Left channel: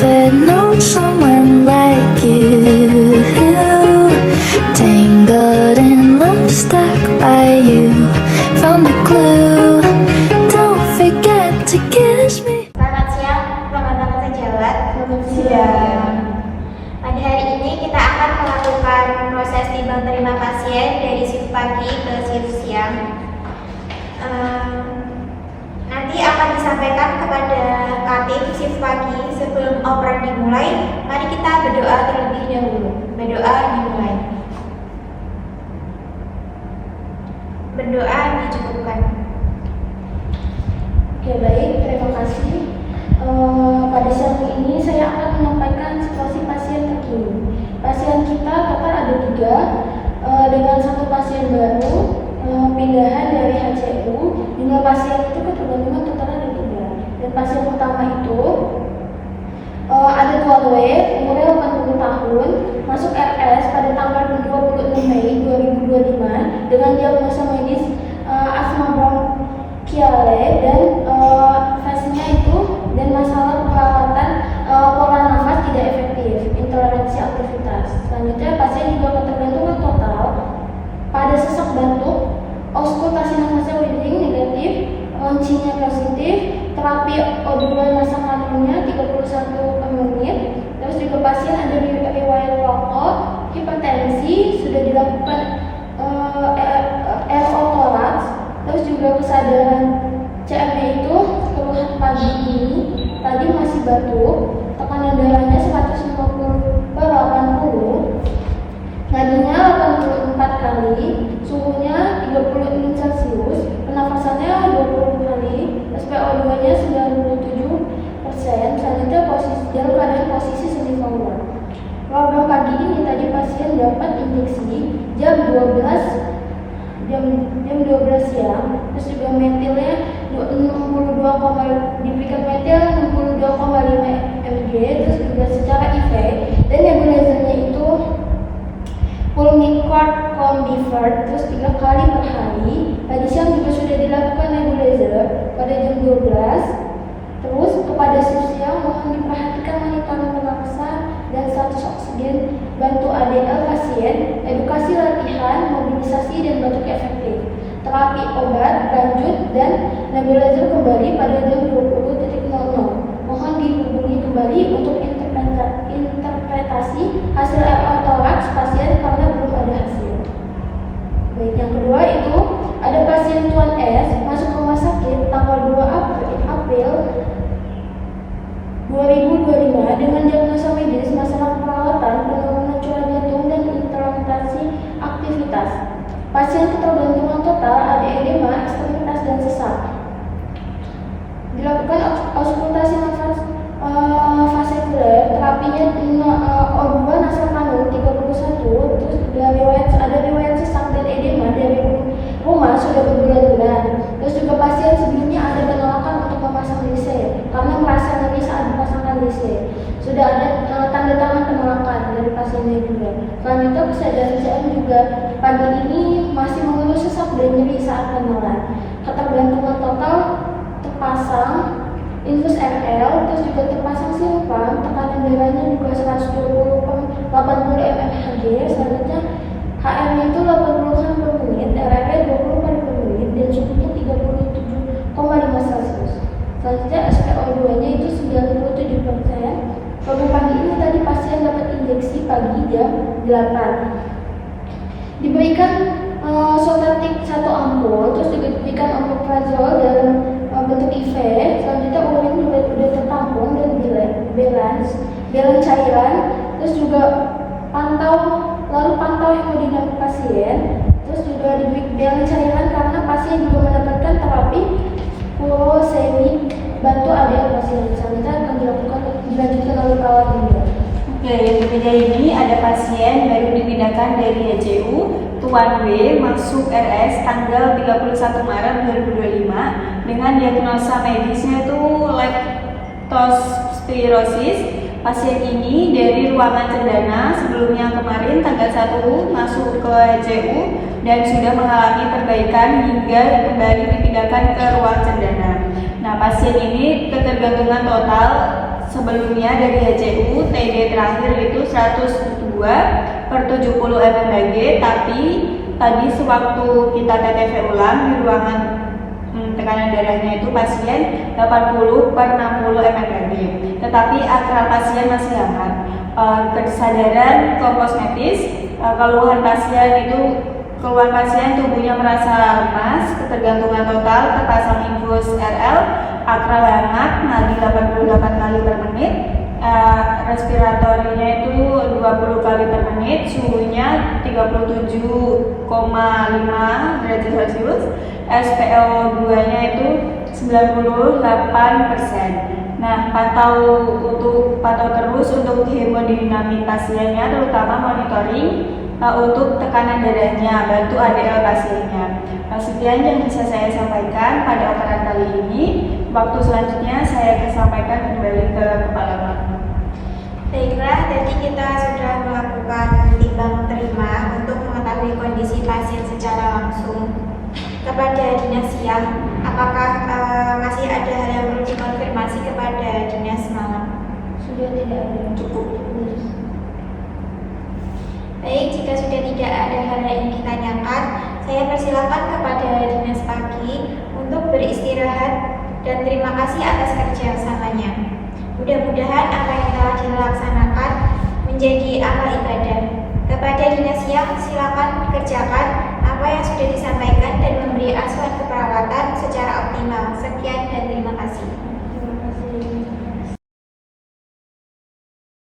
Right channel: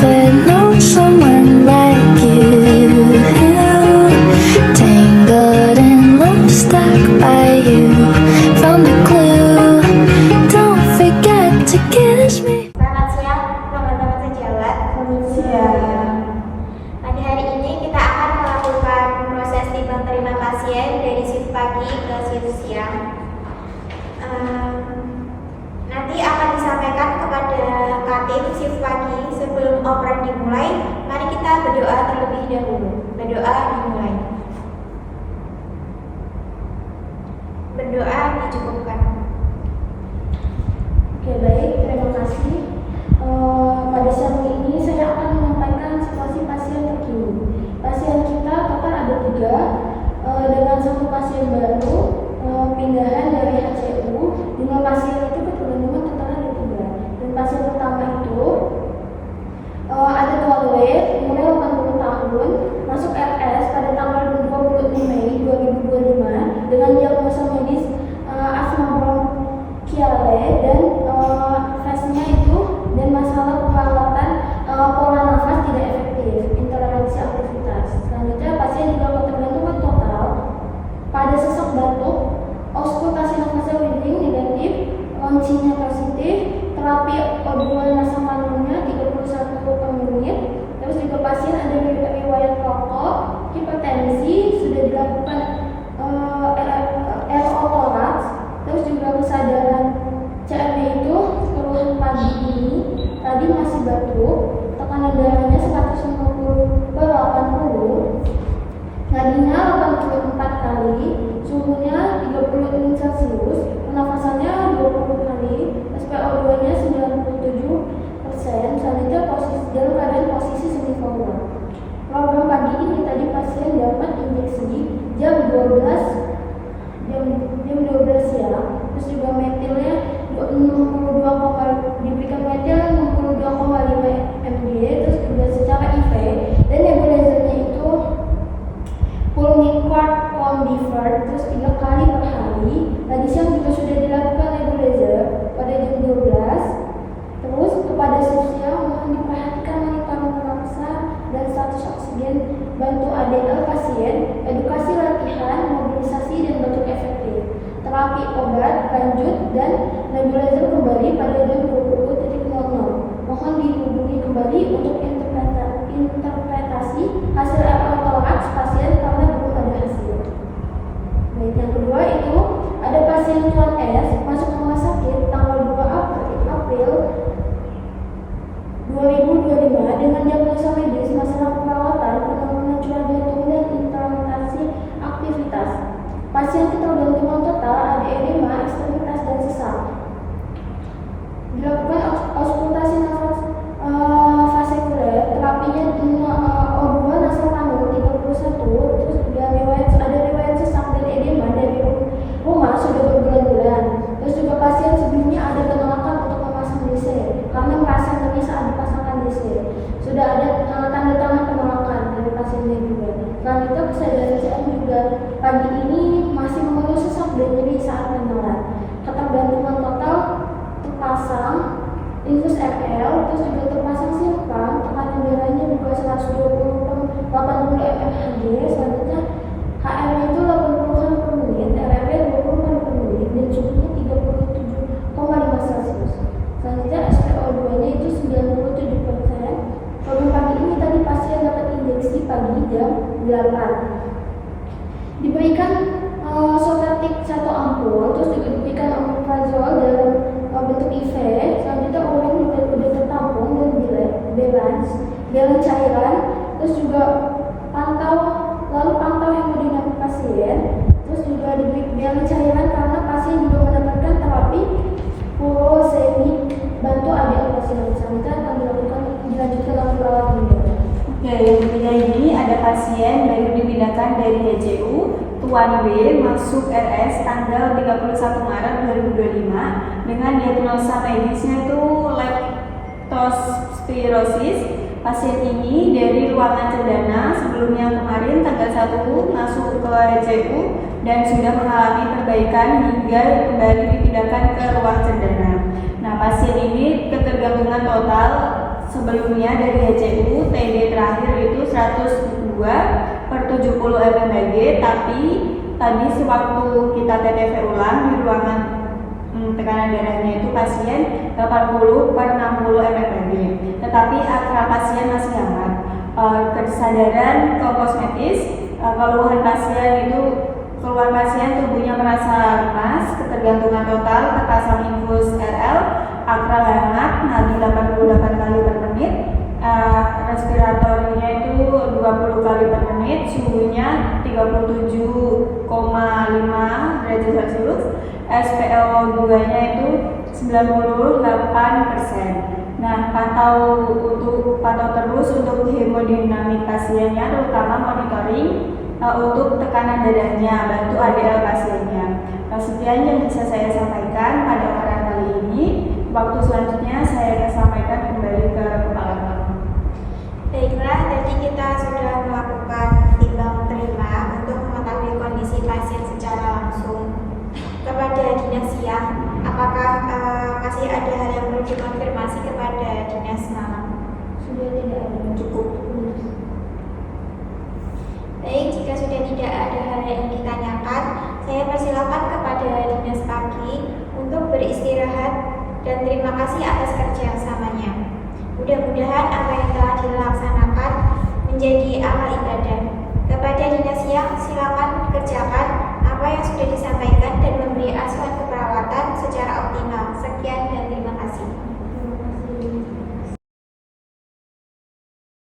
never known someone like you. Tangled in love, stuck by you. Found the clue. Don't forget to kiss me. Selamat siang teman-teman sejawat. Selamat siang. Pada hari ini kita akan melakukan proses timbang terima pasien dari shift pagi ke shift siang. Nanti akan disampaikan kepada Katim shift pagi sebelum operan dimulai. Mari kita berdoa terlebih dahulu. Berdoa dimulai. Berdoa dicukupkan. Oke, baik, terima kasih. Pada siang ini saya akan menyampaikan situasi pasien terkini. Pasien kita total ada 3, dengan 1 pasien baru pindahan dari HCU. 5 pasien itu ketergantungan total ada 3. Dan pasien pertama itu ada 2W, umurnya 80 tahun, masuk RS pada tanggal 26 Mei 2025 dengan diagnosa medis asma bronchiale dan fasenya itu dan masalah perawatan pola nafas tidak efektif, intoleransi aktivitas. Selanjutnya pasien juga ketergantungan total pada sesak batuk, auskultasi nafasnya breathing negatif, launchingnya positif, terapi O2 nasokanulnya 31 per menit. Terus juga pasien ada riwayat rokok, hipertensi, sudah dilakukan RO toraks. Terus juga kesadaran CME itu keluhan pagi ini tadi masih batuk, tekanan darahnya 150 per 80, nadinya 84 kali, suhunya 36 Celcius, pernafasannya 20 kali, SpO2-nya 97%. Selanjutnya dalam keadaan posisi semi koma. Program pagi ini tadi pasien dapat injeksi jam 12 siang, terus juga metilnya diberikan metil 62,5 mg, terus juga secara IV dan nebulizernya itu Pulmicort Combifert terus 3 kali per hari. Tadi siang juga sudah dilakukan nebulizer pada jam 12. Terus kepada shift siang mohon diperhatikan monitoring pernapasan dan status oksigen, bantu ADL pasien, edukasi latihan, mobilisasi dan batuk efektif. Terapi obat lanjut dan nebulizer kembali pada jam 20.00. Mohon dihubungi kembali untuk interpretasi hasil RO toraks pasien karena belum ada hasil. Baik, yang kedua itu ada pasien Tuan S masuk rumah sakit tanggal 2 April 2025 dengan diagnosa medis masalah perawatan, penurunan curah jantung dan intermittensi aktivitas. Pasien ketergantungan total ada edema, ekstremitas dan sesak. Dilakukan auskultasi nafas fasekuler, terapinya O2 nasokanul 31, terus ada riwayat sesak dan edema dari rumah sudah berbulan-bulan. Terus juga pasien sebelumnya ada penolakan untuk memasang DC karena merasa nyeri saat dipasangkan DC. Sudah ada tanda tangan penolakan dari pasiennya juga. Selanjutnya kesadaran CM juga pagi ini masih mengeluh sesak dan nyeri saat menelan. Ketergantungan total terpasang infus RL, terus juga terpasang simpang, tekanan darahnya juga 120 per 80 mmHg. Selanjutnya HM-nya itu 80-an per menit, RRP 20 kali per menit dan suhunya 37,5 Celcius. Selanjutnya SpO2-nya itu 97%. Program pagi ini tadi pasien dapat injeksi pagi jam 8. Diberikan sotatik 1 ampul, terus juga diberikan omeprazol dalam bentuk IV. Selanjutnya urin juga sudah tertampung dan balance cairan. Terus juga pantau hemodinamik pasien. Terus juga diberi balance cairan karena pasien juga mendapatkan terapi furosemid, bantu ADL pasien. Selanjutnya akan dilanjutkan oleh perawat juga. Oke, yang ketiga ini ada pasien baru dipindahkan dari HCU, Tuan W masuk RS tanggal 31 Maret 2025 dengan diagnosa medisnya itu leptospirosis. Pasien ini dari ruangan cendana sebelumnya kemarin tanggal 1 masuk ke HCU dan sudah mengalami perbaikan hingga kembali dipindahkan ke ruang cendana. Nah, pasien ini ketergantungan total Sebelumnya dari HCU TD terakhir itu 102/70 mmHg, tapi tadi sewaktu kita TTV ulang di ruangan tekanan darahnya itu pasien 80/60 mmHg. Tetapi akral pasien masih hangat. Kesadaran kosmetis, keluhan pasien tubuhnya merasa lemas, ketergantungan total, terpasang infus RL, akral hangat, nadi 88 kali per menit, respiratorinya itu 20 kali per menit, suhunya 37,5 derajat Celcius, SpO2-nya itu 98%. Nah, pantau terus untuk hemodinamik pasiennya, terutama monitoring untuk tekanan darahnya, bantu ADL pasiennya. Sekian yang bisa saya sampaikan pada operan kali ini. Waktu selanjutnya saya akan sampaikan kembali ke Kepala Lab. Baiklah, tadi kita sudah melakukan timbang terima untuk mengetahui kondisi pasien secara langsung. Kepada dinas siang, apakah masih ada hal yang perlu dikonfirmasi kepada dinas malam? Sudah tidak ada. Cukup. Baik, jika sudah tidak ada hal yang ingin ditanyakan, saya persilakan kepada dinas pagi untuk beristirahat dan terima kasih atas kerjasamanya. Mudah-mudahan apa yang telah dilaksanakan menjadi amal ibadah